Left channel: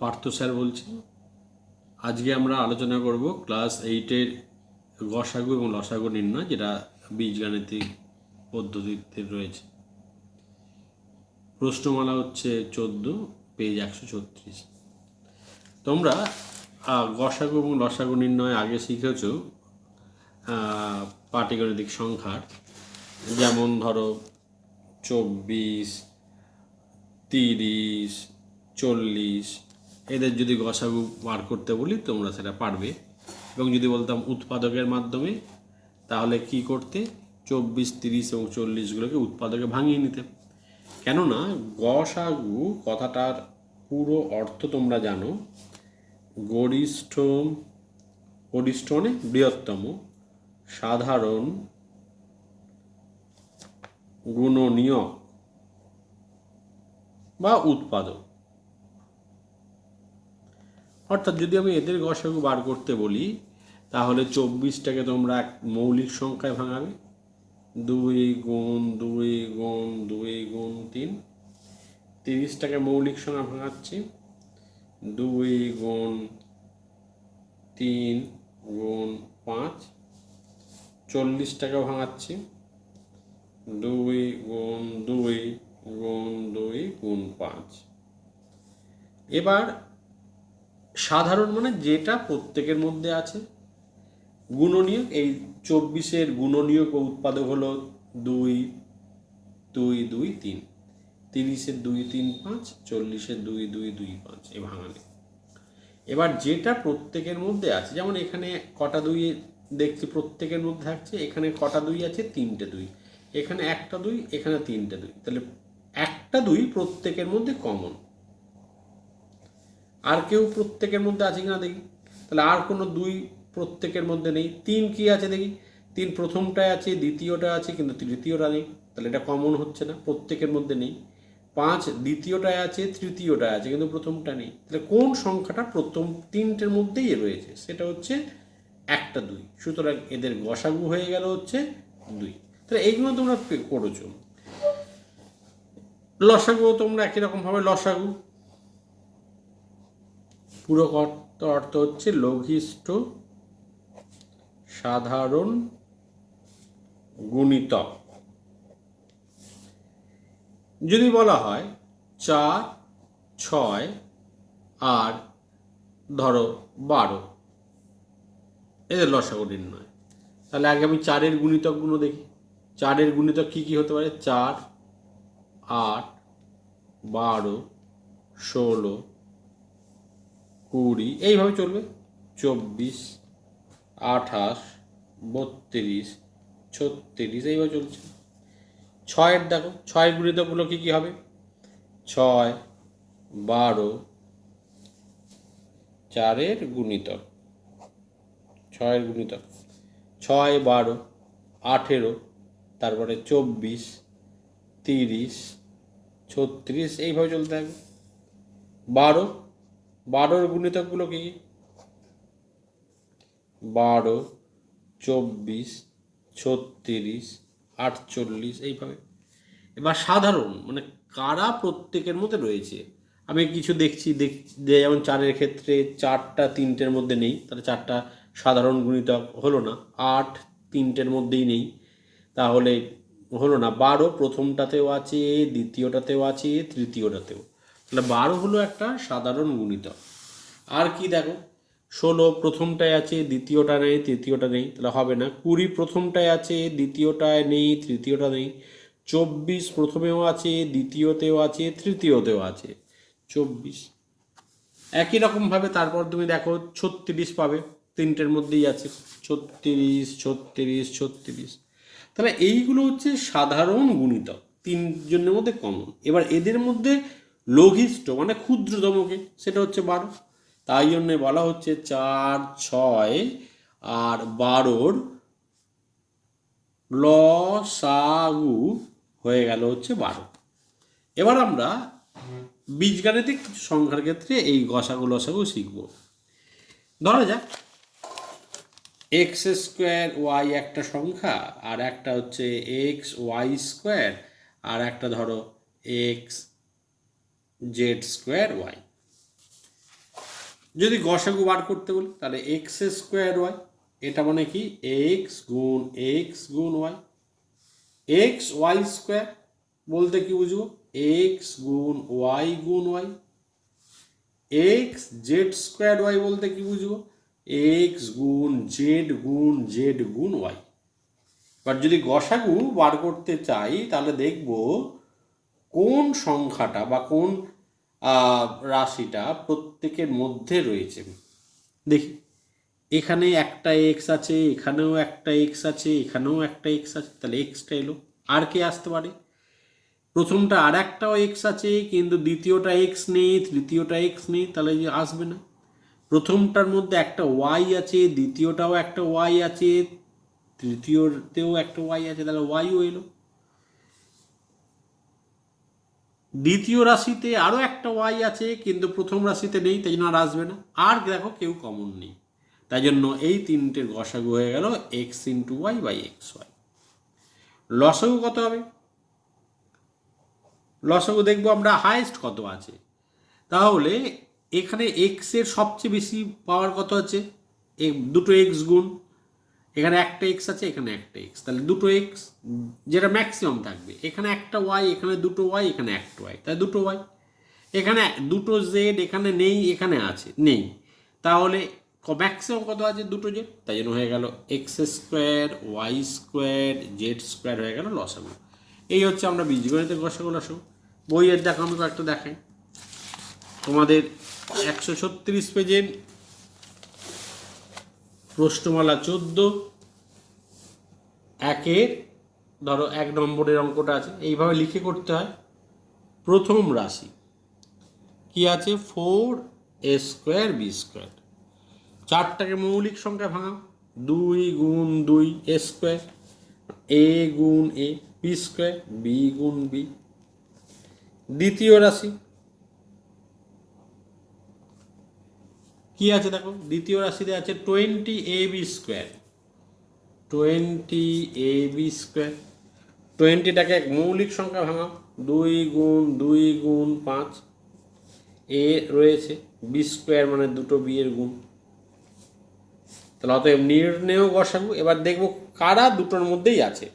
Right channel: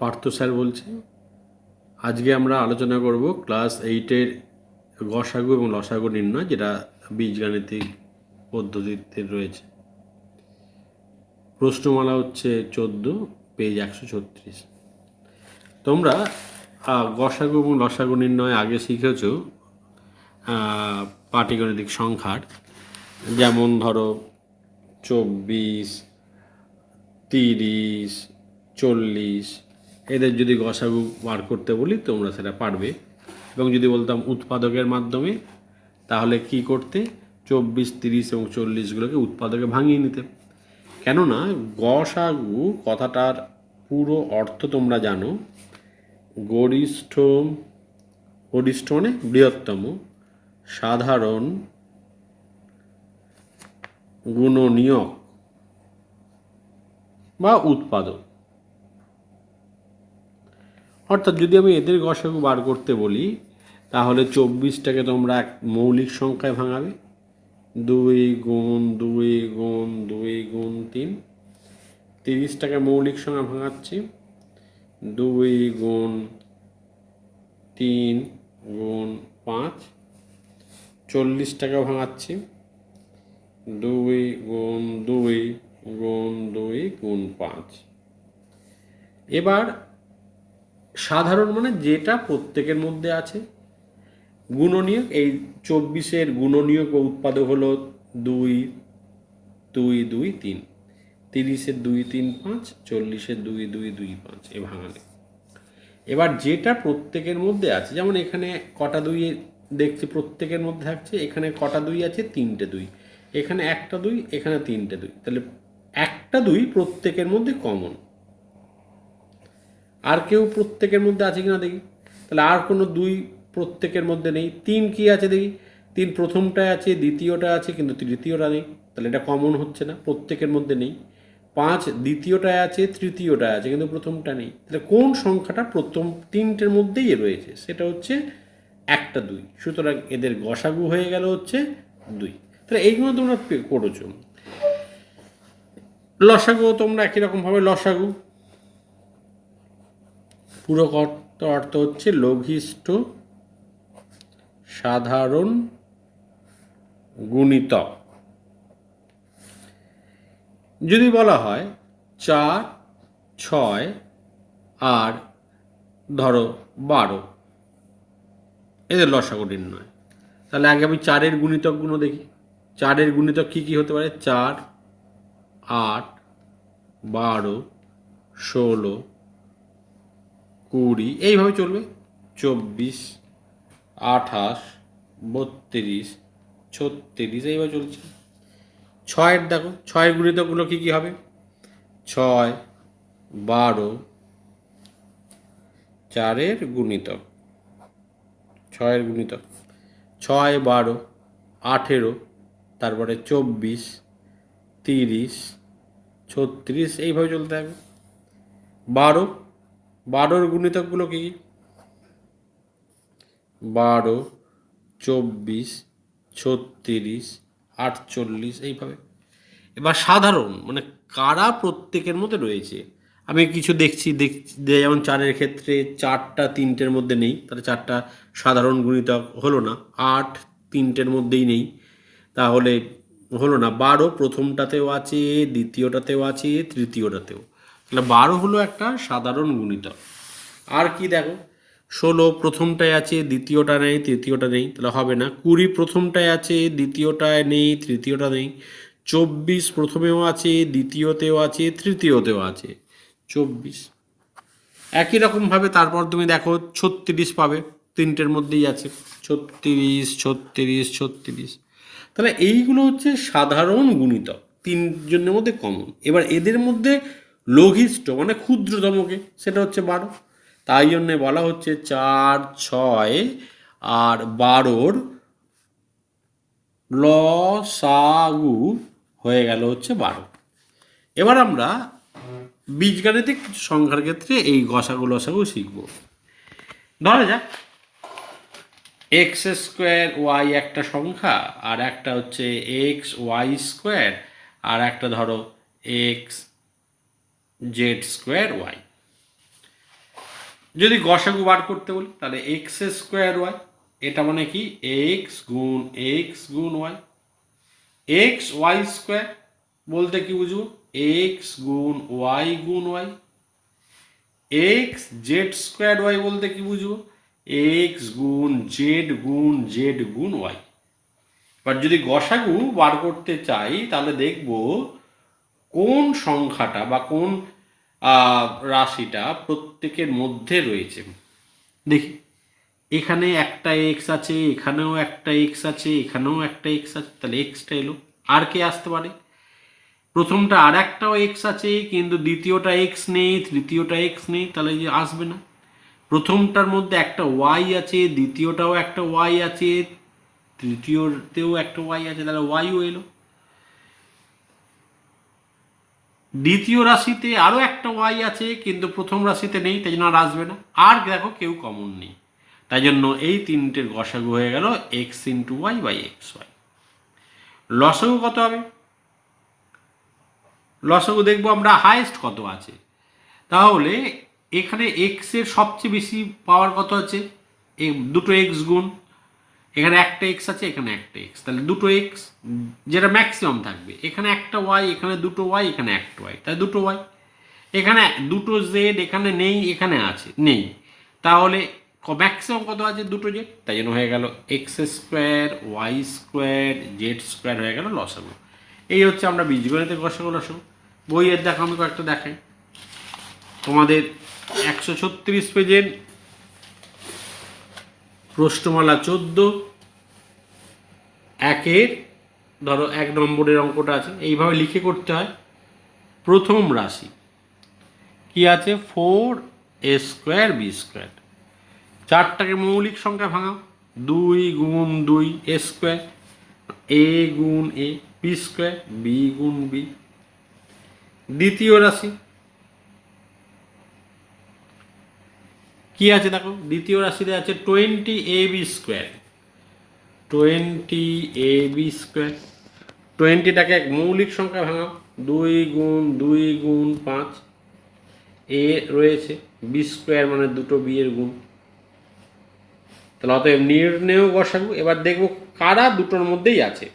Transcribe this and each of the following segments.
Partha sir বলছি। আজকে আমরা আলোচনা করব ক্লাস 8-এর গসাগু এবং লসাগু নির্ণয়, যেটা বীজগাণিতিক পদ্ধতিতে রয়েছে। প্রশ্নমালা হচ্ছে 14, পেজ 136। তোমরা গসাগু এবং লসাগু নির্ণয় আগে শিখেছ পাটিগণিতিক সংখ্যার, যেমন ধরো 24, 30, 40, এদের যদি গসাগু বার করতে বলি তোমরা সেটা পারবে। এবং যদি বলতাম উৎপাদকের মাধ্যমে, তাহলে কি করতে? 24, 30 এবং 40গুলোকে উৎপাদকে ভাঙিয়ে নিতে। কেননা গসাগু কথাটার পুরো অর্থ তোমরা জানো, গরিষ্ঠ মানে বৃহত্তম সাধারণ গুণনীয়ক বা উৎপাদক। অর্থাৎ যদি আমি এদের গসাগু বার করতে বলি, তাহলে 24টাকে তোমরা এক মৌলিক সংখ্যায় ভাঙাবে, 2 গুণ 2 গুণ 2 গুণ 3। 30টাকে মৌলিক সংখ্যা ভাঙাচ্ছি, 2 গুণ 3 গুণ 5। 40টাকে ভাঙাচ্ছি, 2 গুণ 2 গুণ 2 গুণ 5। এবার সাধারণ মানে যেটা প্রত্যেকের মধ্যে আছে। গুণনীয়ক, এই 24-এর গুণনীয়ক ও উৎপাদক হলো 2 2 2 3, 30-এর 2 3 5, 40-এর 2 2 2 5, এ ভাঙালে। এবার যেটা প্রত্যেকের মধ্যে আছে, যেমন এখানে কটা 2 দেখছি প্রত্যেকের মধ্যে থাকছে, এখানে কটা 2 আছে? 3টে 2, এখানে একটা 2, এখানে 3টে 2, তাহলে একটা 2 প্রত্যেকের মধ্যে কমন। আর কেউ প্রত্যেকের মধ্যে আছে কিনা দেখি, তাহলে আর কোনো 2 প্রত্যেকের মধ্যে নেই। 3 কি আছে দেখি, 3 প্রথমটায় আছে, দ্বিতীয়টা আছে, কিন্তু তৃতীয়টা নেই, তাহলে এটা কমন হচ্ছে না, প্রত্যেকের মধ্যে নেই। 5 দ্বিতীয়টায় আছে, তৃতীয়টায় আছে, কিন্তু প্রথমটা নেই, তাহলে কোন সংখ্যাটা প্রথম 3টের মধ্যেই রয়েছে? সেটা হচ্ছে একটা 2। সুতরাং এদের গসাগু হয়ে গেল হচ্ছে 2। তাহলে এইগুলো তোমরা করেছো। লসাগু তোমরা একই রকমভাবে লসাগু, পুরো অর্থ হচ্ছে লঘিষ্ঠ সাধারণ গুণিতক। যদি বলা হয় 4, 6 আর ধরো 12, এদের লসাগু নির্ণয়, তাহলে আগে আমি 4-এর গুণিতকগুলো দেখি। 4-এর গুণিতক কী কী হতে পারে? 4, 8, 12, 16, 20, এইভাবে চলবে। 24, 28, 32, 36, এইভাবে চলছে। 6-এর দেখো, 6-এর গুণিতকগুলো কী কী হবে? 6, 12, 4-এর গুণিতক, 6-এর গুণিতক 6, 12, 18, তারপরে 24, 30, 36, এইভাবে চলতে থাকবে। 12-এর গুণিতকগুলো কী কী? 12, 24, 36, 48, এইভাবে। এবার সাধারণ মানে কারা প্রত্যেকের মধ্যে রয়েছে, আমি কিছু দেখছি যেমন 4-এর ক্ষেত্রে 4টা 3টের মধ্যে নেই, তাহলে 4টা সাধারণ গুণিতক হলো না। 8 3টের মধ্যেই নেই, তাহলে হলো না। 12 প্রথমটাতেও আছে, দ্বিতীয়টাতেও আছে, তৃতীয়টাতেও, তাহলে 12 হলো একটা সাধারণ গুণিতক। আর কি দেখো, 16 প্রথমটায় আছে, দ্বিতীয়টা নেই, তৃতীয়টা নেই, তাহলে হবে না। 20 প্রথমটায় আছে, দ্বিতীয়টায় নেই, তৃতীয়টা নেই। 24 প্রথমেও আছে, দ্বিতীয়তেও আছে, তৃতীয়তেও আছে, 24। একই রকমভাবে তারপর তুমি দেখো 36 পাবে, 3টের মধ্যেই আছে, 36, 36, 36। তাহলে এইগুলো হচ্ছে সাধারণ গুণিতক, 3জনের মধ্যে কমন। এবার এদের মধ্যে লঘিষ্ঠ মানে ক্ষুদ্রতমকে, সেটা হচ্ছে 12। তাই জন্যে বলা হচ্ছে 4, 6 আর 12-র লসাগু হয়ে গেল হচ্ছে 12। এবার আমরা বীজগাণিতিক কিছু সংখ্যার ক্ষেত্রে এই গসাগু লসাগু শিখব। ধরা যাক x² y একটা সংখ্যা, আর একটা হচ্ছে xy², আর একটা ধরো xz² y। যদি গসাগু বার করতে বলি তাহলে এক্স স্কোয়ার ওয়াই, এটা মানে কি এক্স গুণ ওয়াই। এক্স ওয়াই স্কোয়ার বলতে কি বুঝবো, এক্স গুণ y. X z square y বলতে কি বুঝবো, এক্স গুণ জেড গুণ ওয়াই। এবার যদি গসাগু বার করতে চাই তাহলে দেখব কোন সংখ্যাটা বা কোন রাশিটা প্রত্যেকের মধ্যে রয়েছে। দেখি, এখানে একটা এক্স আছে, এখানেও একটা এক্স আছে, এখানেও একটা এক্স আছে, তাহলে এক্সটা এলো। আর কে আসতে পারে, প্রথমটা আর একটাও এক্স আছে কিন্তু দ্বিতীয়টা এক্স নেই, তৃতীয়টা এক্স নেই, তাহলে যে আসবে না। প্রথমটার মধ্যে একটা ওয়াই আছে, দ্বিতীয়টাও একটা ওয়াই আছে, তৃতীয়তেও একটা ওয়াই আছে, তাহলে ওয়াইও এলো। দ্বিতীয় রাশিতে আরও একটা ওয়াই আছে কিন্তু প্রথম রাশিতে নেই, তাই জন্য আর আসবে না। আর দেখো কেউ কমন নেই, তাই জন্য এই তিনটের গসাগু হয়ে গেল x into y by x y. লসাগু কত হবে, লসাগু দেখবো আমরা হায়েস্ট কত আছে। তাহলে এখানে এক্সের সবচেয়ে বেশি পাওয়ার কত আছে, দুটো এক্স গুণ, এখানে একটা এক্স আছে, এখানে একটা এক্স, তাহলে দুটো এক্স যেটা ম্যাক্সিমাম থাকবে। এখানে একটা ওয়াই, এখানে দুটো ওয়াই, এখানে একটা ওয়াই, তাই দুটো ওয়াই। এখানে দুটো জেড, এখানে নেই, এখানে আছে, নেই, তাহলে ম্যাক্সিমাম কত আছে, দুটো জেড, তাই জন্য হয়ে গেল x square y square z square হয়ে গেল লসাগু। এই হচ্ছে আমরা বীজগণিতের লসাগু। বইয়ের দেখো আমি কয়েকটা দেখাই তোমাদের। 136 পেজের প্রশ্নমালা 14 একের ধরো 1 নম্বরের অঙ্কটা আছে, এইভাবে লিখে করতে হয়। প্রথম রাশি কি আছে, 4a স্কোয়ার বি স্কোয়ার। চারটাকে মৌলিক সংখ্যা ভাঙাও, 2 গুণ 2 এ স্কোয়ার, এ গুণ এ, বি স্কোয়ার বি গুণ বি। দ্বিতীয় রাশি কি আছে দেখো, দ্বিতীয় রাশিতে আছে 20ab স্কোয়ার, 20ab স্কোয়ার। 20টাকে এক মৌলিক সংখ্যা ভাঙাও, 2 গুণ 5, এ রয়েছে, বি স্কোয়ার মানে দুটো বি এর গুণ। তাহলে অতএব নির্ণেয় গসাগু। এবার দেখবো কারা দুটোর মধ্যেই আছে।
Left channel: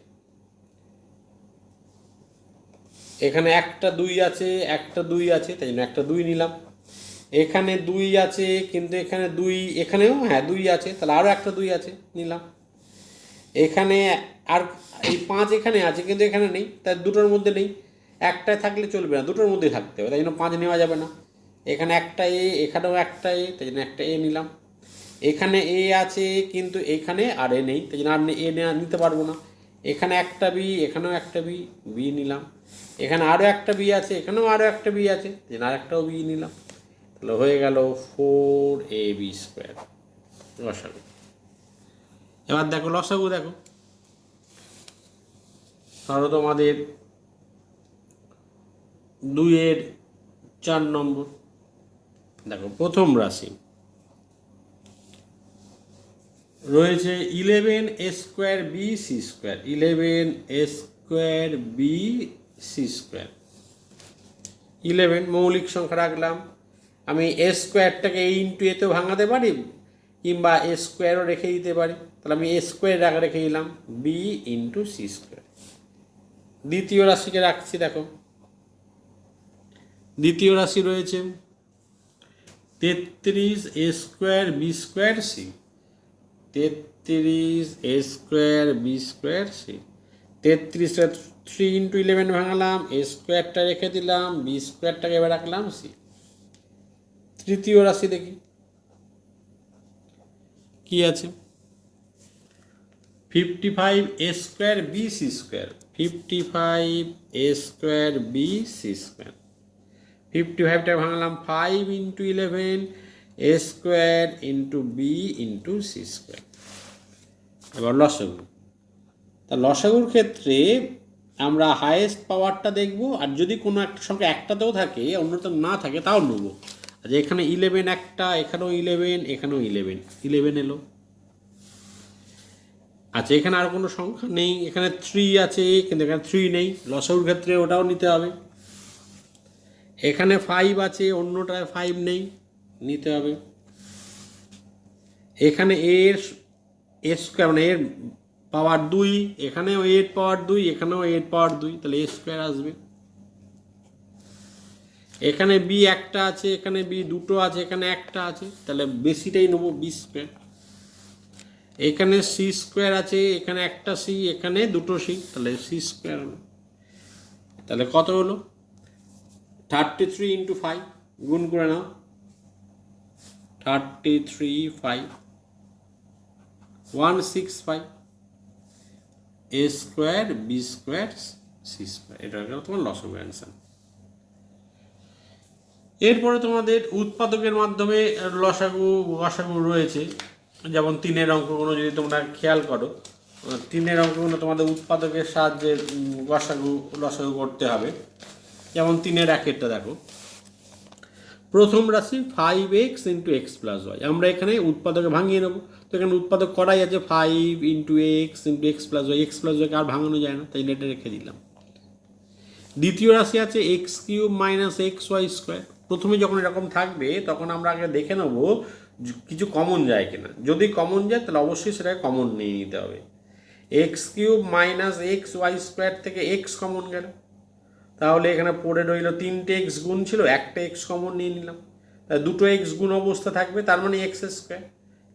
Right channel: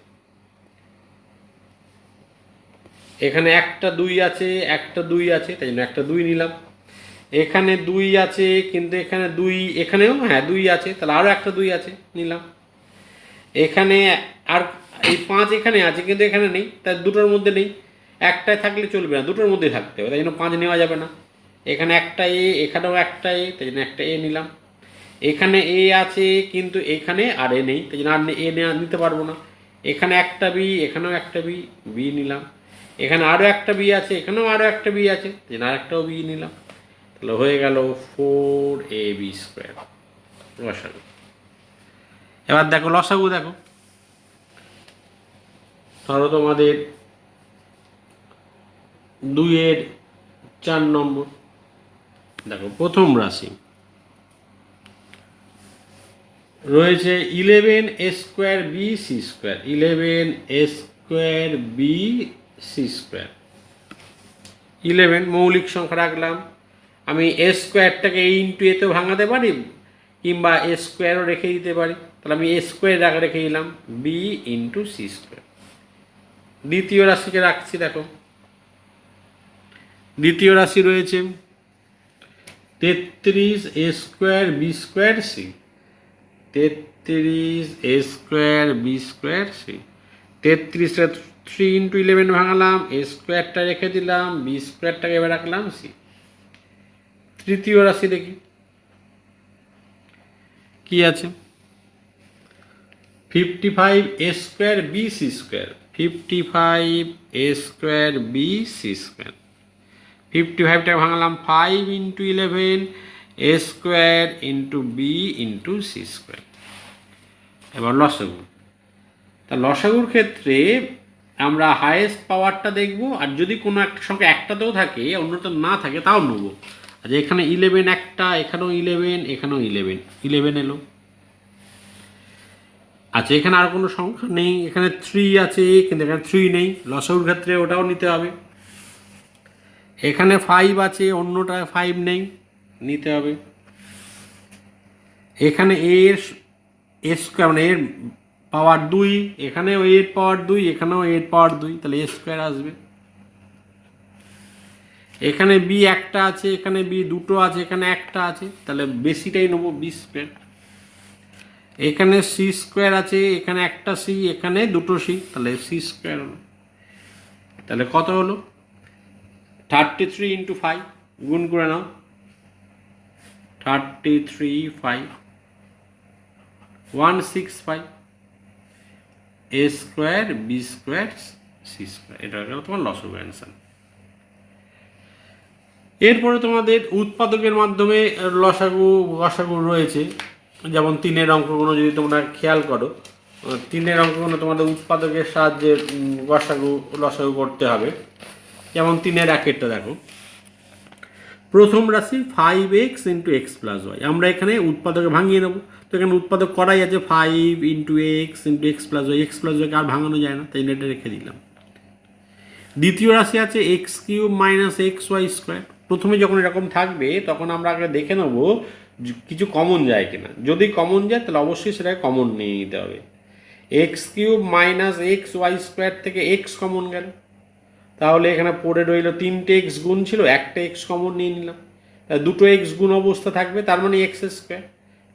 এখানে একটা 2 আছে, একটা 2 আছে, তাই জন্য একটা 2 নিলাম। এখানে 2 আছে কিন্তু এখানে 2, এখানেও হ্যাঁ 2 আছে, তাহলে আরও একটা 2 আছে, নিলাম। এখানে আর এই 5 এখানে আছে কিন্তু এখানে নেই, তাই দুটোর মধ্যে নেই। একটায় থাকলে চলবে না, দুটোর মধ্যে থাকতে হবে, তাই জন্য 5 নেওয়া যাবে না। এখানে একটা এ, এখানেও একটা এ, তাই জন্য একটা এ নিলাম। এখানে এ আছে কিন্তু এখানে আর এ নেই, তাই জন্য আর এ নিতে পারবো না। এখানে একটা বি, এখানেও একটা বি, বি নিলাম। এখানে আরও একটা বি আছে, এখানেও আরও একটা বি আছে, তাই জন্য আর একটাও বি নিলাম। তাহলে হয়ে গেল 4ab স্কোয়ার লসাগু। এবার দেখো লসাগু দেখো, ধরো তোমাদের 2-এর 4 নম্বর। দেখো প্রথম রাশি রয়েছে 11 A square B C square, 11 A square B C square. 11 মৌলিক সংখ্যা রাখলাম, আমি এ স্কোয়ারটাকে এ ইন্টু এতেও ভাঙাতে পারি কিংবা এ স্কোয়ারও রেখে দিতে পারি, তাহলে আমি এ স্কোয়ার রেখে দিলাম, বি ইন্টু সি স্কোয়ার। দ্বিতীয় রাশিকে রাখছি, দেখো দ্বিতীয় রাশি রয়েছে 33 A square B square C, 33 A square B square C. 33টা 3 ইন্টু 11 ভাঙালাম, এ স্কোয়ারটা রেখে দিলাম, বি স্কোয়ারটাকে এবার রাখলাম সি। তৃতীয় রাশি দেখি কি আছে, 55 A square B C square, 55 A square B C square. 55টা ভাঙলাম, 5 into 11 A square into B into C square. এবার লসাগু। তা লসাগুর ক্ষেত্রে আমরা হায়েস্ট পাওয়ারটা দেখব, আর যদি কোনো একটা সংখ্যা একটাতেও থাকে অন্যটা না থাকে তাও নেবো। আচ্ছা এখানে 11 একটা, এখানেও 11, এখানেও 11 এলো। আচ্ছা এখানে আর কোনো সংখ্যা নেই, এখানে 3 আছে কিন্তু এখানে 3 নেই, লসাগুর ক্ষেত্রে ওটাও নিতে হবে। এখানে 5 আছে, অন্যটায় 5 নেই, নিতে হবে। এখানে এর স্কোয়ার মানে এর পাওয়ার 2, এখানেও এর পাওয়ার 2, এখানেও এর পাওয়ার 2, তাহলে এ স্কোয়ার আসবে। এখানে বি একটা আছে, এখানে বি দুটো আছে, এখানে একটা আছে, তাহলে বেশিটাই নেবো বি স্কোয়ার। এখানে সি স্কোয়ার আছে, এখানে একটা সি, এখানে দুটো সি, তাহলে সি স্কোয়ার হলো। তাহলে কত হলো? 33 ইন্টু 5 গুণ করে নাও, 33 5 165 A square B square C square, এটা হলো তোমার লসগু অ্যান্সার। এরপরে তোমাদের উৎপাদকের মাধ্যমে লসাগু গসাগু রয়েছে, যেমন 3-এর অঙ্কগুলো যদি তোমরা খেয়াল করো, 3-এর অঙ্কগুলো তোমাদের উৎপাদকের সাহায্যে গসাগু লসাগু করতে হবে। যেমন 3-এর 1-এরটা দেখো, প্রথম রাশি 5x into x plus Y, আমরা এখানে উৎপাদকে ভাঙিয়ে নেবো। তো এখানে উৎপাদক করাই আছে 5 into x plus Y, X plus ওয়াইকে আর ভাঙানো যায় না, তাই এটা রেখে দিলাম। দ্বিতীয় রাশি আছে x cube minus x y square. প্রথমে যখন এরকম থাকবে তখন আমরা আগে দেখে নেব কিছু কমন যায় কিনা, যদি কমন যায় তাহলে অবশ্যই সেটাকে কমন নিয়ে নিতে হবে। X cube minus x y square থেকে এক্স কমন গেল, তাহলে এখানে পড়ে রইল 3টে এক্স গুণ ছিল, একটা এক্স কমন নিয়ে নিলাম, দুটো এক্স গুণ অবস্থা থাকবে, তার মানে এক্স স্কোয়ার।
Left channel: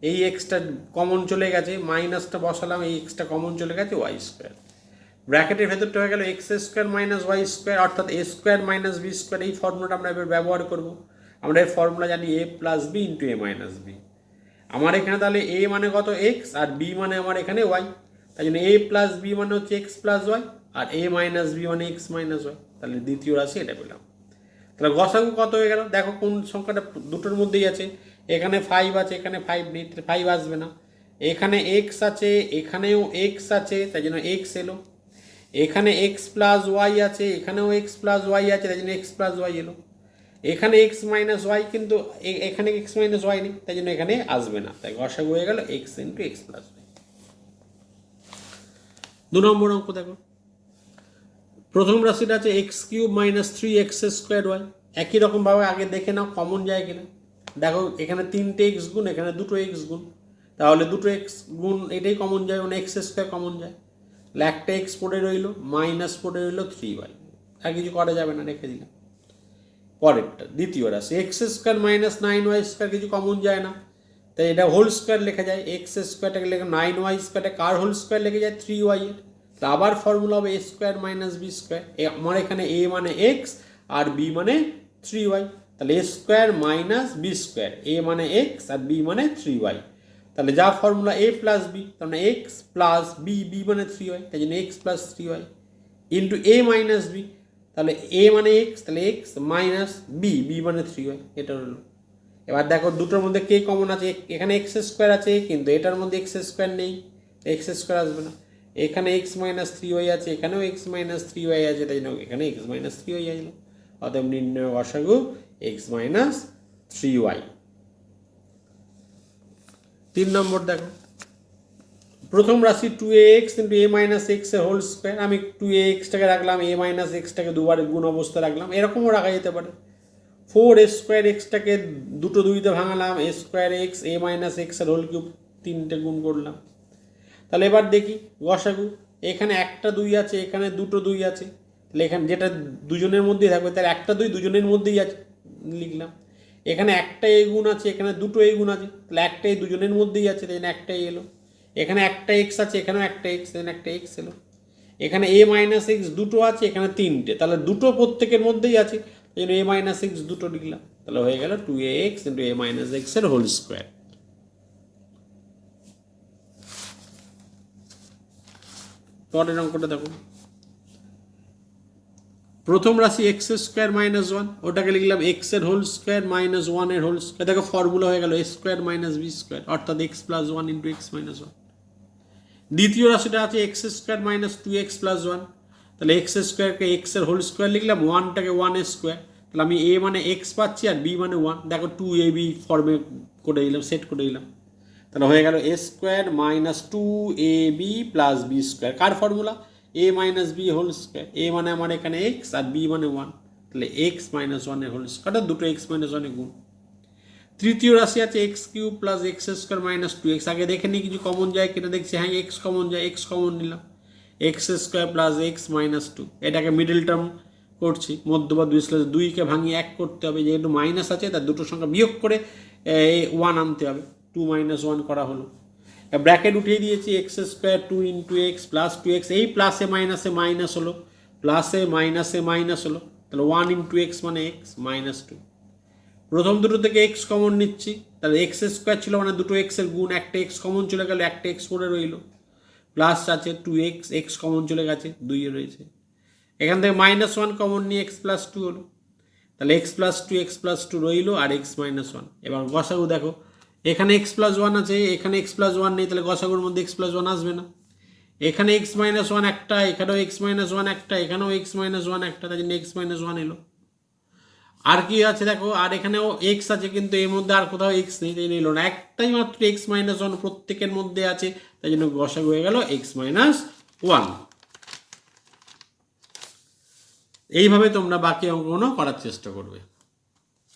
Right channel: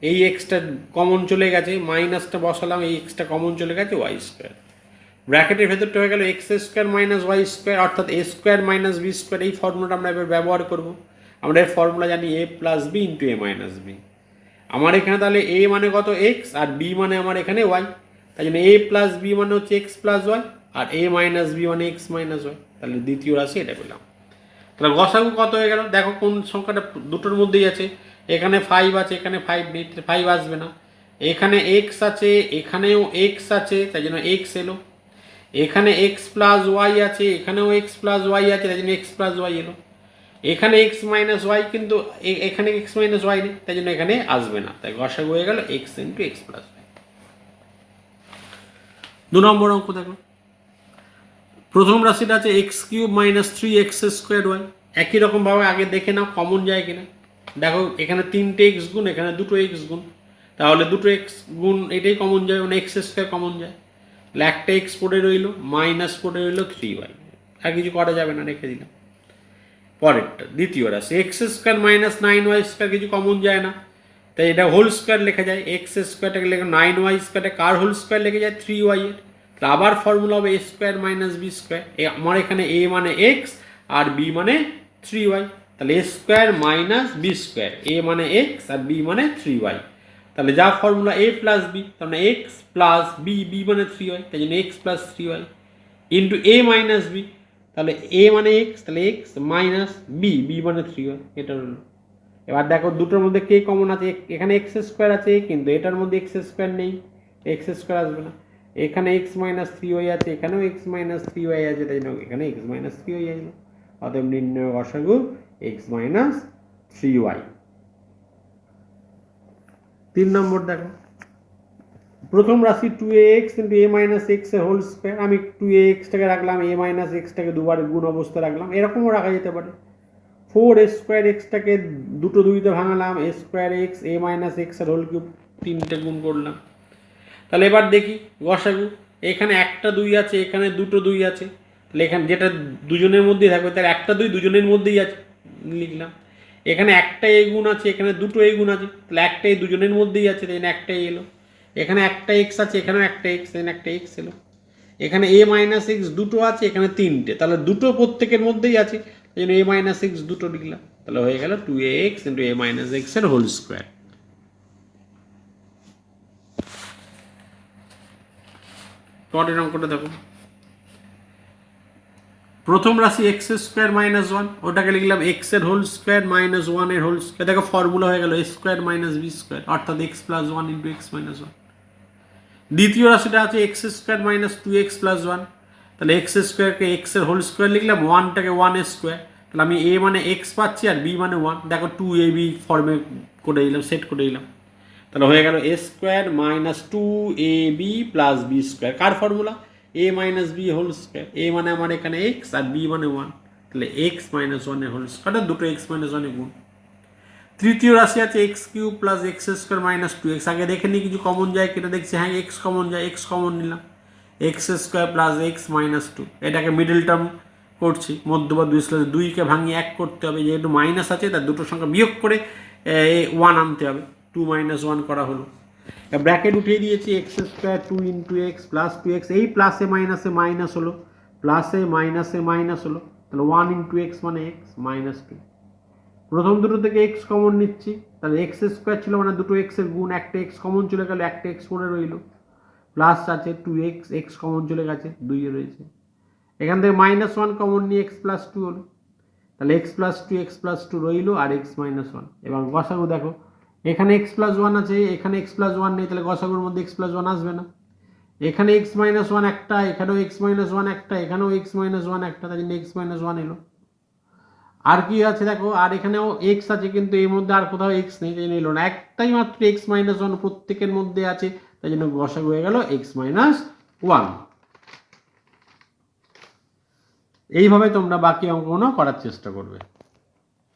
এই এক্সটা কমন চলে গেছে, মাইনাসটা বসালাম, এই এক্সটা কমন চলে গেছে, ওয়াই স্কোয়ার। ব্র্যাকেটের ভেতরটা হয়ে গেল x square minus y square, অর্থাৎ a square minus b square. এই ফর্মুলাটা আমরা এবার ব্যবহার করব। আমরা এর ফর্মুলা জানি এ প্লাস বি ইন্টু এ মাইনাস বি। আমার এখানে তাহলে এ মানে কত এক্স, আর বি মানে আমার এখানে ওয়াই, তাই জন্য এ প্লাস বি মানে হচ্ছে এক্স প্লাস ওয়াই, আর এ মাইনাস বি মানে এক্স মাইনাস ওয়াই। তাহলে দ্বিতীয় রাশি এটা পেলাম। তাহলে গসাগু কত হয়ে গেল দেখো, কোন সংখ্যাটা দুটোর মধ্যেই আছে। এখানে 5 আছে, এখানে 5 নেই, 5 আসবে না। এখানে এক্স আছে, এখানেও এক্স আছে, তাই জন্য এক্স এলো। এখানে এক্স প্লাস ওয়াই আছে, এখানেও এক্স প্লাস ওয়াই আছে, তাই জন্য এক্স প্লাস ওয়াই এলো। এখানে এক্স মাইনাস ওয়াই, কিন্তু এখানে এক্স মাইনাস ওয়াই নেই, তাই জন্য এখানে আসবে না। তাই গসাগু হয়ে গেল x into x plus y. 2 নম্বর অঙ্ক দেখো, প্রথম রাশিটা আছে x cube minus 3x square y. একই রকমভাবে আগে দেখে নাও কমন যায় কিনা। দেখো এখানে 3টে এক্স গুণ, এখানে দুটো এক্স গুণ, তাহলে দুটো এক্স গুণ এটাই কমন যায়, মানে এক্স স্কোয়ার কমন যায়। তাহলে একটা এক্স পড়ে রইল, মাইনাস পড়ে রইল 3y, আর কিছু করা যাবে না, রেখে দিলাম। পরেরটা দ্বিতীয় রাশি x square minus 9y square, কিছু কমন যায় না, তাই এটা হোল স্কোয়ার লেখা যায়। এক্স স্কোয়ারটাকে লেখা 9y স্কোয়ারটা কার হোল স্কোয়ার লেখে যায় 3y এর। আবার ফর্মুলা হবে এ স্কোয়ার মাইনাস বি স্কোয়ার। আমার এখানে এ মানে এক্স আর বি মানে 3y, তাহলে এ square minus b square, A মানে এক্স আর বি মানে 3y। তাহলে যা ফর্মুলা এ প্লাস বি, তাহলে এক্স প্লাস বি, বি মানে 3y, তাই জন্য এক্স প্লাস 3y ইন্টু এ মাইনাস বি, তাহলে এ মানে এক্স, তাহলে এক্স মাইনাস বি, বি মানে 3y, এটা হলো। এবার দেখো দুটোর মধ্যে কে কমন আছে, এখানে এক্স স্কোয়ার আছে, কিন্তু এটার মধ্যে এক্স স্কোয়ার নেই, এক্স স্কোয়ার আসবে না। এখানে এক্স মাইনাস 3y আছে, এখানেও এক্স মাইনাস 3y আছে, তাই জন্য এখানে এক্স মাইনাস 3y আসবে। অতএব নির্ণয় গসাগু এক্স মাইনাস 3y। 3 নম্বর দেখো, প্রথম রাশি 2ax ইন্টু এ মাইনাস এক্স এর হোল স্কোয়ার। আমি 2axটাকে রাখলাম, এ মাইনাস এক্সটাকে দুবার গুণ অবস্থা রাখলাম, এরকমও রাখা যেতে পারে। 4 স্কোয়ার এক্সটাকে দুটো দুইতে ভাঙালাম, এ স্কোয়ার এক্স এ মাইনাস এক্স এর হোল কিউব 3টে গুণ করলাম। তাহলে এবার দেখি গসাগু, এখানে একটা 2 আছে, এখানে দুটো 2 আছে, তাহলে এখানে যেটা দুজনের মধ্যেই থাকবে তার একটা 2 দুজনের মধ্যেই আছে, লিখলাম। এখানে একটা এ গুণ আছে, এখানে দুটো এ গুণ আছে, তাহলে একটাই দুজনের মধ্যেই আছে, তাই একটাই এলো। এখানে একটা এক্স আছে, এখানেও একটা এক্স, তাই একটা এক্স এলো। এখানে এ মাইনাস এক্স দুটো আছে, এখানে 3টে, তাহলে দুটো প্রত্যেকের মধ্যেই আছে, এই জন্য এ মাইনাস এক্স দুটো লিখলাম। তাহলে হয়ে গেল 2ax ইন্টু এ মাইনাস এক্স এর হোল স্কোয়ার। পরের অঙ্কটা দেখো, প্রথম রাশি এক্স স্কোয়ার মাইনাস 1, ওটাকে লিখলাম এক্স এর হোল স্কোয়ার মাইনাস 1 এর হোল স্কোয়ার। দেখো ফর্মুলা হয়ে গেল A square minus b square, অর্থাৎ x plus 1 into x minus 1। দ্বিতীয় রাশিটা আছে x square minus 2x plus 1, তাহলে এক্স স্কোয়ারকে এক্স এর হোল স্কোয়ার লিখলাম, 1টাকে 1 স্কোয়ার, তাহলে আমি এ মানে এক্স পাচ্ছি আর বি মানে 1। দেখো 2ab ফর্মে করে দিলাম, সেট করে দিলাম, তাহলে হয়ে গেল A square minus 2ab plus B square. কার formula? A minus B whole square. A মানে আমার এখানে এক্স আর বি মানে 1, তাহলে এক্স মাইনাস 1 এর হোল স্কোয়ার, দুটো এক্স মাইনাস 1 এর গুণ। তৃতীয় রাশি আছে x cube plus x square minus two x. আগে দেখে নিই কিছু কমন যায় কেটে দেখছি, হ্যাঁ এক্স কমন যায়, এক্স কমন নিলাম, x square plus x minus two. এটাকে মিডল টার্ম করছি, মধ্যপদ বিশ্লেষণ, দুইকে ভাঙিয়ে এক করতে হবে, যেহেতু মাইনাস আছে তার দুটো সংখ্যা বিয়োগ করে ওয়ান আনতে হবে, টু মাইনাস ওয়ান করা হলো। ব্র্যাকেট উঠিয়ে দিয়েছি, x square two into x plus two x, এই প্লাসে মাইনাসে মাইনাস হলো, প্লাসে মাইনাসে মাইনাস হলো, তাহলে ওয়ান ইন্টু এক্স মানে এক্স মাইনাস টু। প্রথম দুটো থেকে এক্স কমন নিচ্ছি, তাহলে এক্স স্কোয়ার ছিল মানে দুটো এক্সের গুণ, একটা এক্স কমন চলে গেল, একটা এক্স পড়ে রইল, প্লাস আছে টু এক্স, এক্স কমন চলে গেছে, দুইয়ে রয়েছে। এখান থেকে মাইনাস ওয়ান কমন নিয়ে এক্স প্লাস টু হলো, তাহলে এক্স প্লাস টু রইল আর এক্স মাইনাস ওয়ান। এবার গসাগু দেখো, এখানে এক্স প্লাস ওয়ান আছে, এখানে এক্স প্লাস ওয়ান নেই, তাহলে গসাগুর মধ্যে এক্স প্লাস ওয়ান আসবে না। এখানে এক্স মাইনাস ওয়ান একটা, এখানেও এক্স মাইনাস ওয়ান একটা, এখানেও এক্স মাইনাস ওয়ান একটা, তাই জন্য এক্স মাইনাস ওয়ান এলো। আর কি আছে দেখো, আর এখানেও এক্স আছে কিন্তু এর মধ্যে আর কোথাও এক্স নেই, তাই নিল না, একটাই মাত্র এক্স মাইনাস ওয়ান প্রত্যেকের মধ্যে আছে, তাই জন্য গসাগু হয়ে গেল এক্স মাইনাস ওয়ান। এইভাবে তোমরা বাকি অঙ্কগুলো করার চেষ্টা করবে।